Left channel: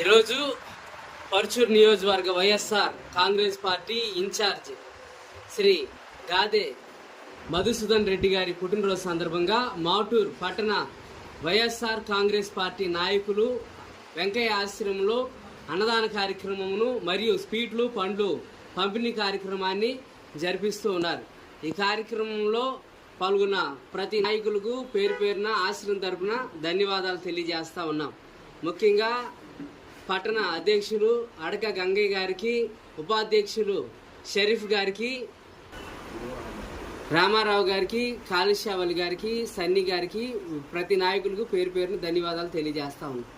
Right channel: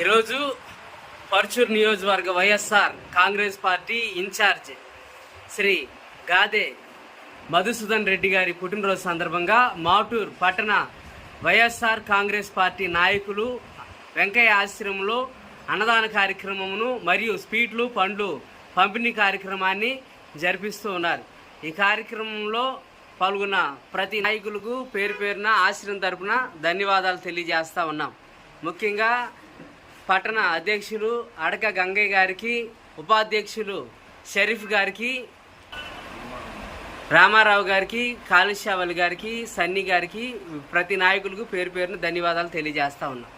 ఈరోజు పర్చూర్ నియోజకవర్గ YSR Congress party incharge Shri Gade Madhusudan Reddy గారి పుట్టినరోజు సందర్భంగా మాటూర్ పట్టణ వైఎస్ఆర్ కాంగ్రెస్ పార్టీ నాయకులు వెంకయ్య ఆశ్రమంలో అన్నదాన కార్యక్రమమును మరియు స్వీట్లు పండ్లు పంపిణీ కార్యక్రమాన్ని జరిపిస్తూ ఉన్నారు. ఈ కార్యక్రమంలో పాల్గొన్న ప్రతి నాయకులకు పేరు పేరున ఆశ్రమం తరపున ధన్యవాదాలు తెలియజేస్తా ఉన్నాం. ముఖ్యంగా పట్టణ అధ్యక్షులు అడక గంగయ్య గారికి, ఉపాధ్యక్షులు షరీఫ్ గారికి, రామారావు గారికి, కాళేశ్వరి గారికి, సన్నీ గారికి, ప్రతి నాయకులకు పేరు పేరున ధన్యవాదాలు తెలియజేస్తా ఉన్నాం.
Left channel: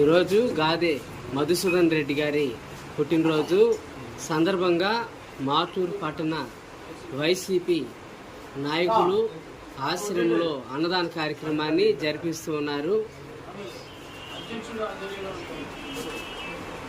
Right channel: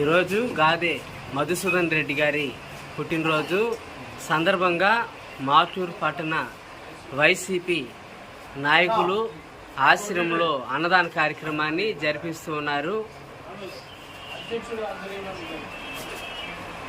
ఈరోజు గాదే మధుసూదన్ రెడ్డి గారి పుట్టినరోజు సందర్భంగా మాటూరు పట్టణ వైసీపీ నాయకులు ఆశ్రమంలో అన్నదాన కార్యక్రమాన్ని జరిపిస్తూ ఉన్నారు.